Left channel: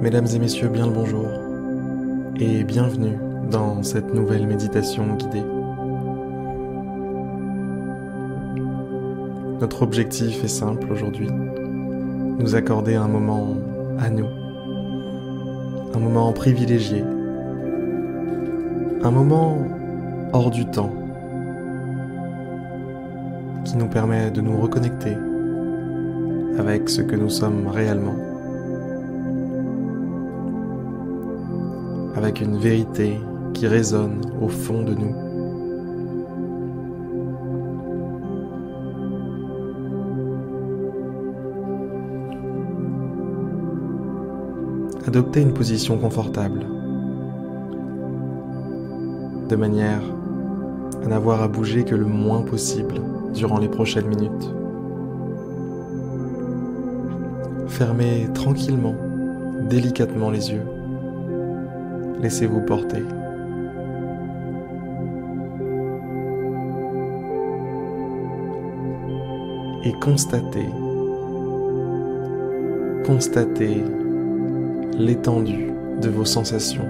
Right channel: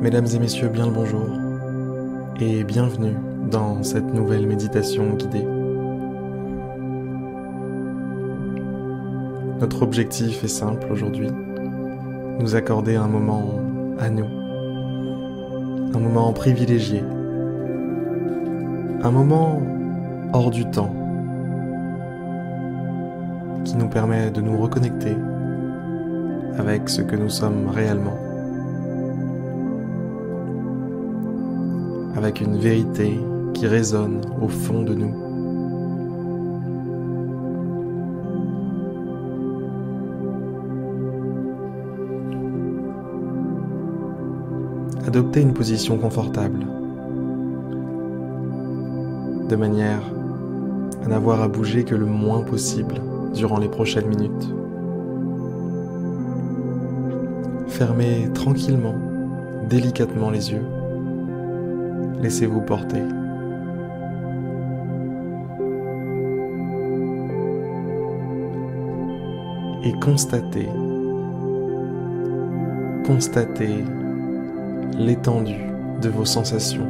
Mesdames et messieurs, bien le bonjour et bienvenue dans cette nouvelle méditation guidée. Notre objectif est simple aujourd'hui, nous accorder un moment à nous, un moment privilégié, un moment hors du temps qui nous permet de nous reconnecter avec ce que nous sommes réellement, avec une vérité qui résonne au fond de nous. Adoptez une position confortable, de manière à n'avoir à bouger que le moins possible durant les prochaines minutes. Fermez tranquillement, délicatement les yeux. Laissez-vous porter. Et constatez l'étendue de vos sensations.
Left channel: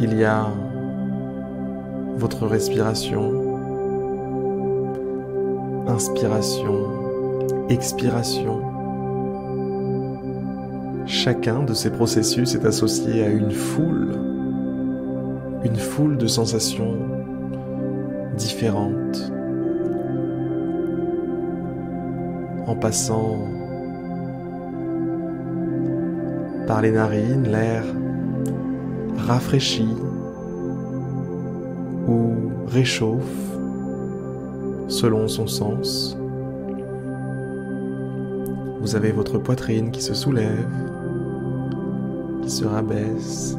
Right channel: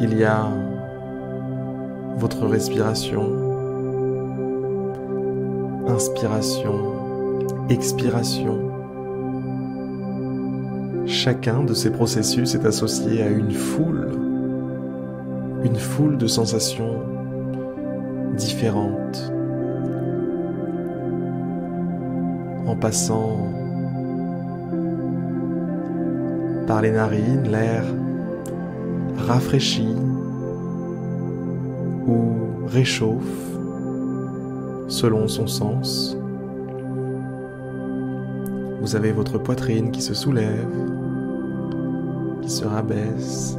Il y a votre respiration, inspiration, expiration. Chacun de ces processus est associé à une foule de sensations différentes, en passant par les narines, l'air rafraîchit ou réchauffe selon son sens. Vous avez votre poitrine qui se soulève, qui se rabaisse.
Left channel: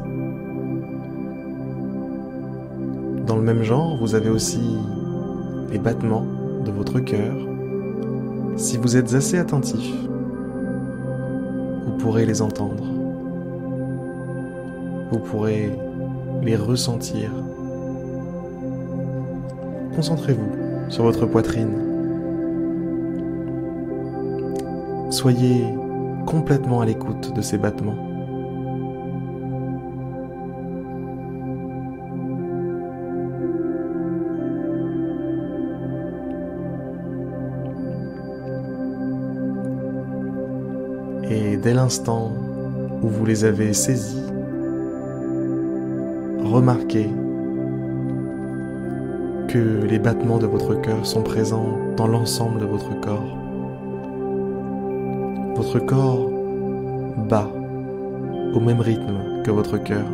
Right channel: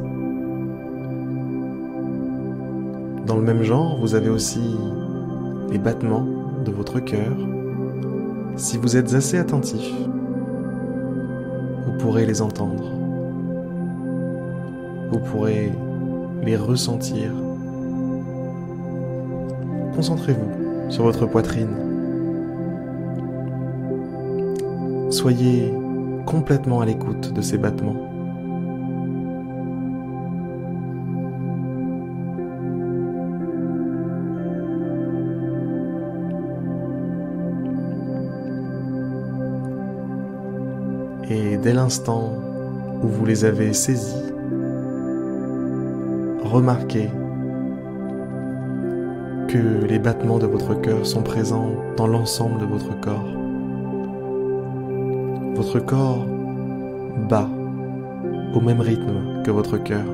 Dans le même genre, vous avez aussi les battements de votre cœur. Si vous êtes assez attentif, vous pourrez les entendre. Vous pourrez les ressentir. Concentrez-vous sur votre poitrine. Soyez complètement à l'écoute de ces battements. Et dès l'instant où vous les avez saisis, remarquez que les battements de votre cœur sont présents dans l'ensemble de votre corps. Votre corps bat au même rythme que votre cœur.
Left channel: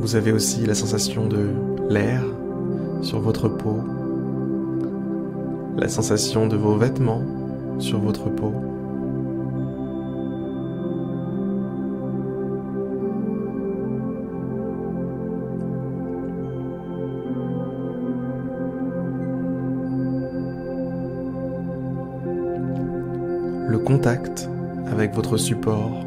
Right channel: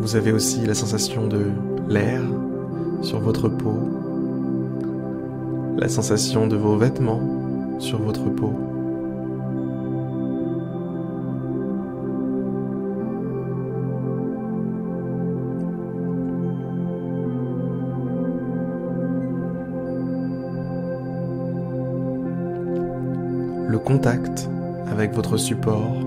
Vous avez aussi la sensation de l'air sur votre peau, la sensation de vos vêtements sur votre peau. Le contact avec votre support.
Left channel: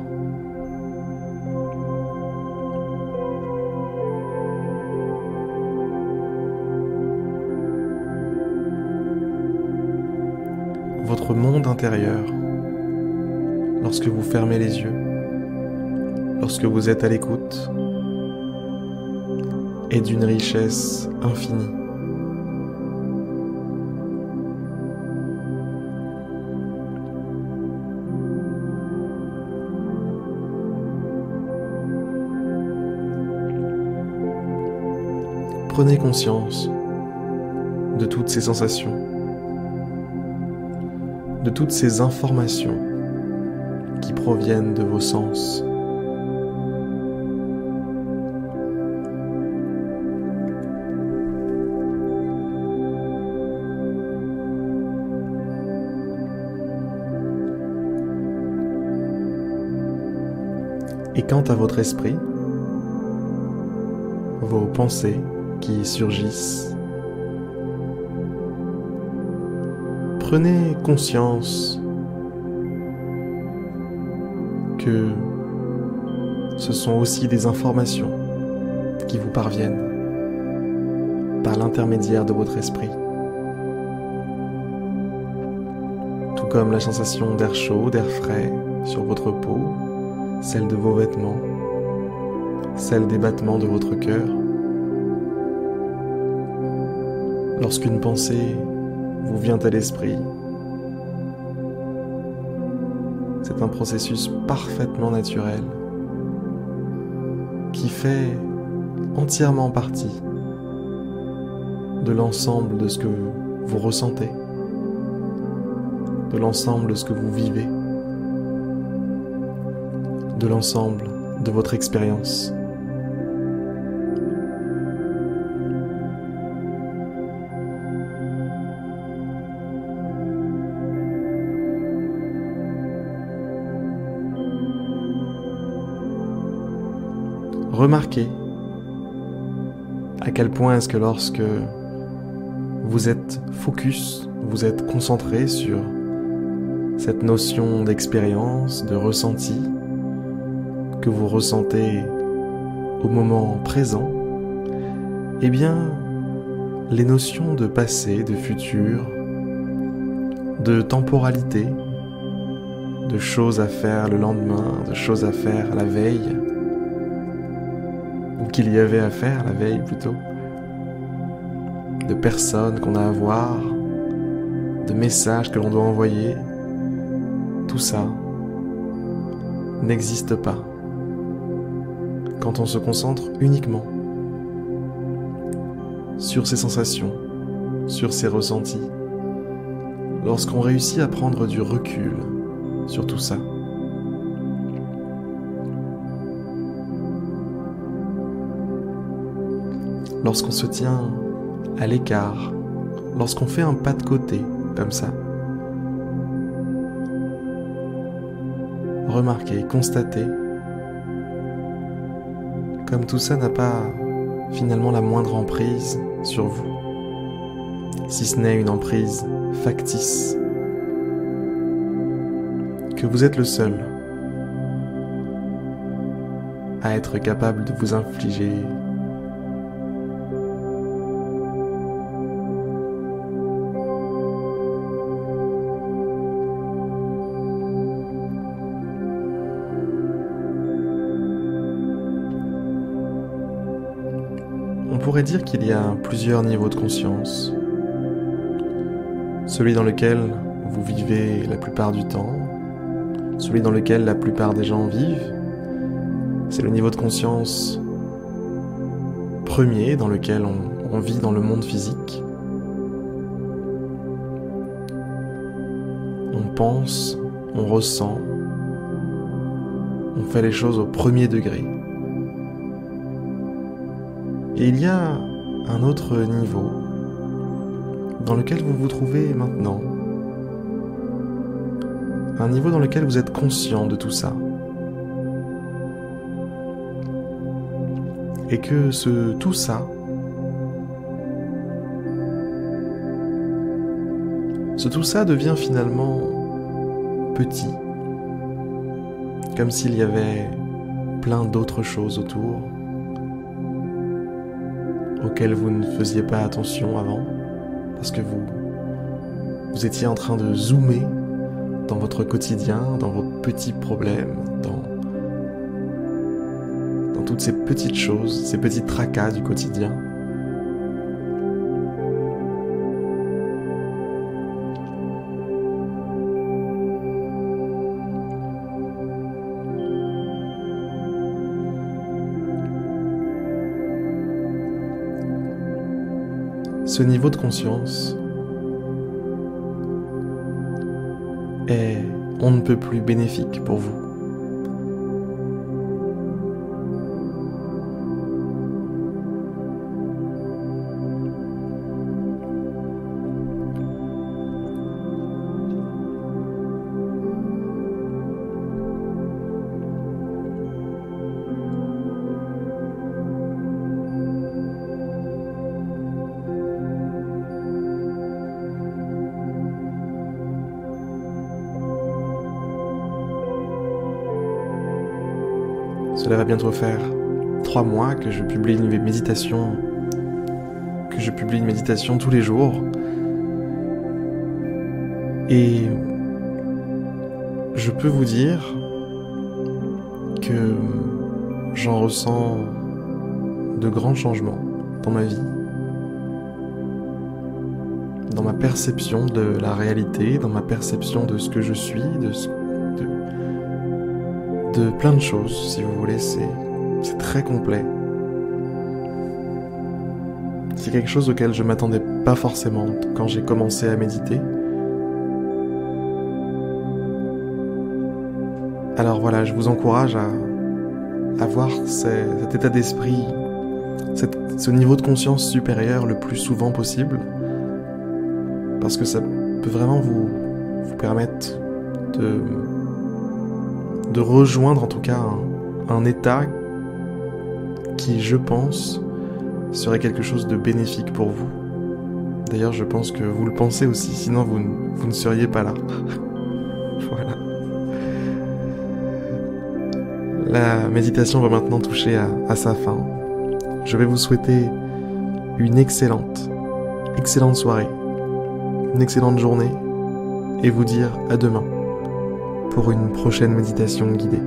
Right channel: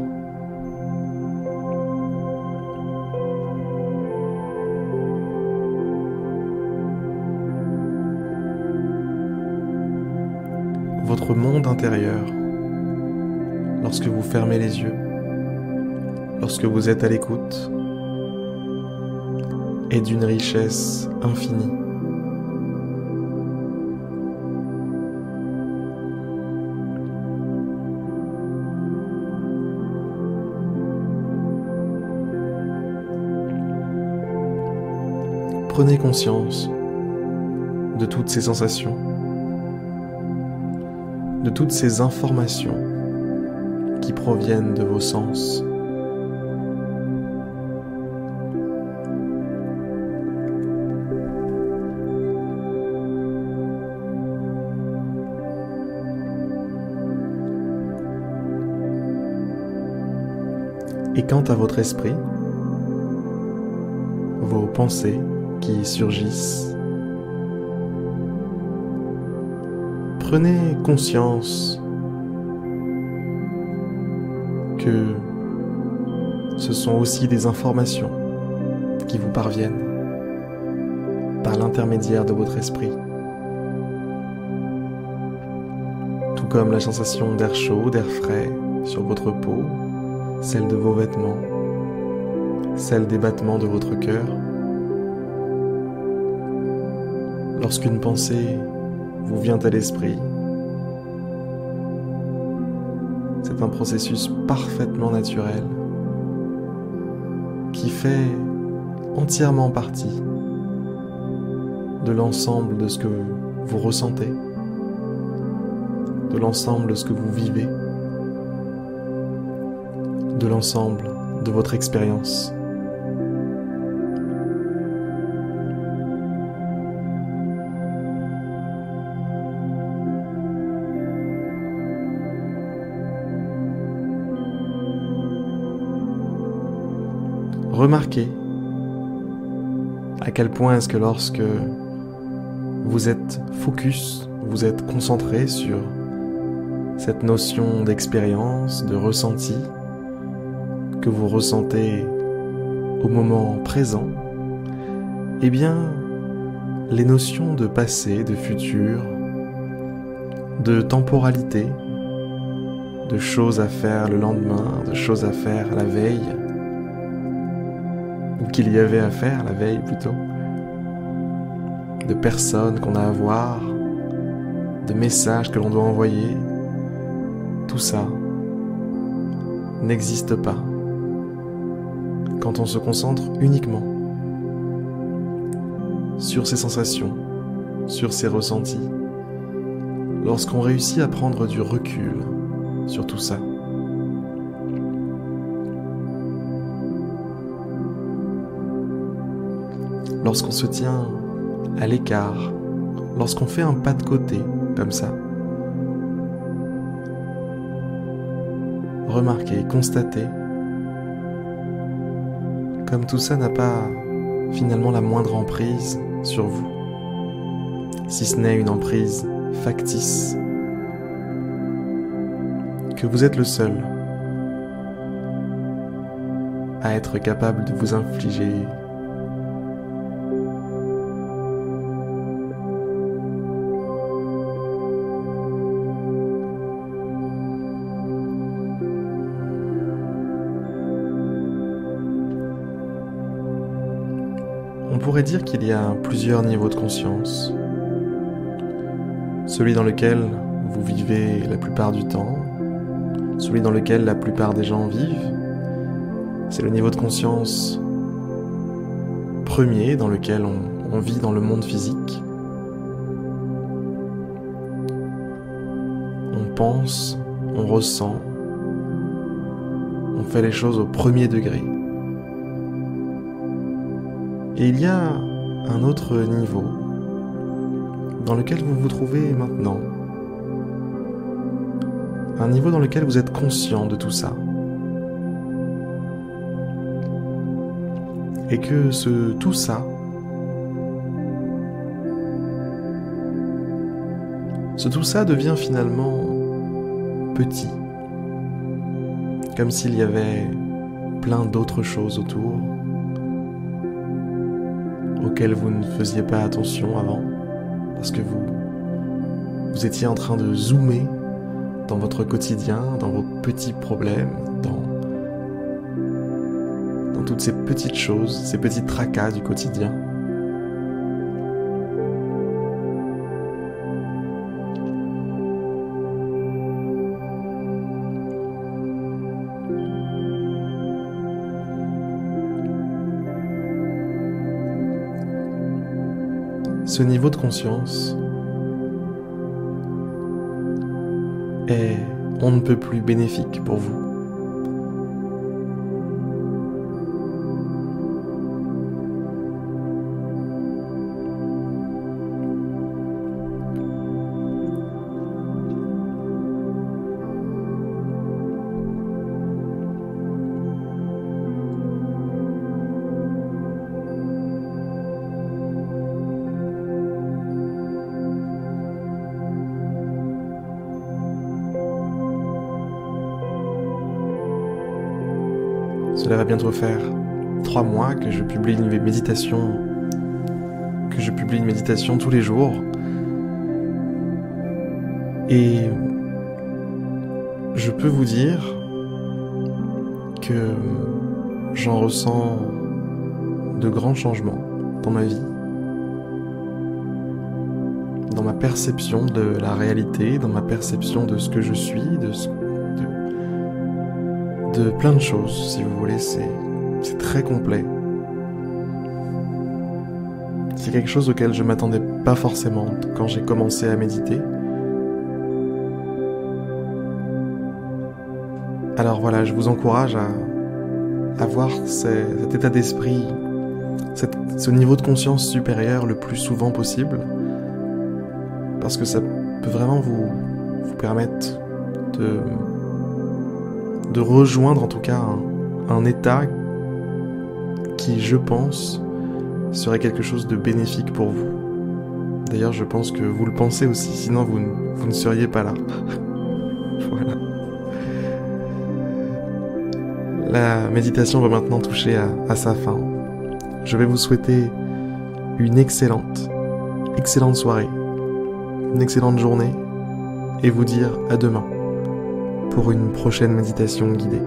Votre monde intérieur, lorsque vous fermez les yeux, lorsque vous êtes à l'écoute, est d'une richesse infinie. Prenez conscience de toutes ces sensations, de toutes ces informations qui proviennent de vos sens. Et quant à votre esprit, vos pensées qui surgissent, prenez conscience que ce sont aussi des informations qui vous parviennent par l'intermédiaire de votre esprit. Tout comme la sensation d'air chaud, d'air frais sur votre peau, celle de vos vêtements, celle des battements de votre cœur. Lorsqu'une pensée vous vient à l'esprit, c'est un processus parfaitement naturel qui fait entièrement partie de l'ensemble de ce que vous ressentez, de l'ensemble de ce que vous vivez, de l'ensemble de votre expérience. Remarquez à quel point est-ce que lorsque vous êtes focus, vous êtes concentré sur cette notion d'expérience, de ressenti que vous ressentez au moment présent, eh bien, les notions de passé, de futur, de temporalité, de choses à faire le lendemain, de choses à faire la veille, ou qu'il y avait à faire la veille plutôt, de personnes qu'on a à voir, de messages que l'on doit envoyer, tout ça n'existe pas quand on se concentre uniquement sur ses sensations, sur ses ressentis, lorsqu'on réussit à prendre du recul sur tout ça. Lorsqu'on se tient à l'écart, lorsqu'on fait un pas de côté, comme ça. Remarquez, constatez, comme tout ça n'a pas finalement la moindre emprise sur vous, si ce n'est une emprise factice, que vous êtes le seul à être capable de vous infliger On pourrait dire qu'il y a plusieurs niveaux de conscience. Celui dans lequel vous vivez la plupart du temps, celui dans lequel la plupart des gens vivent, c'est le niveau de conscience premier dans lequel on vit dans le monde physique. On pense, on ressent, on fait les choses au premier degré. Et il y a un autre niveau dans lequel vous vous trouvez maintenant. Un niveau dans lequel vous êtes conscient de tout ça. Et que tout ça, devient finalement petit. Comme s'il y avait plein d'autres choses autour auxquelles vous ne faisiez pas attention avant, parce que vous étiez en train de zoomer dans votre quotidien, dans vos petits problèmes, dans toutes ces petites choses, ces petits tracas du quotidien. Ce niveau de conscience est on ne peut plus bénéfique pour vous. Cela va bientôt faire 3 mois que je publie une méditation, tous les jours. Et je peux vous dire que j'en ressens de grands changements dans ma vie, dans ma perception de la réalité, dans ma perception de ce que je suis, de plein de choses, si vous voulez. C'est très complet. C'est quelque chose auquel je m'attendais pas forcément quand j'ai commencé à méditer. Alors voilà, je vous encourage à avoir cet état d'esprit, ce niveau de conscience supérieur le plus souvent possible, parce que ça peut vraiment vous permettre de rejoindre en tout cas un état qui, je pense, serait quelque chose de bénéfique pour vous. D'ailleurs, je pense que vous le pensez aussi, sinon vous ne seriez pas là. Voilà. La méditation va maintenant toucher à sa fin. Je vais vous souhaiter une excellente soirée, une excellente journée, et vous dire à demain pour une prochaine méditation guidée.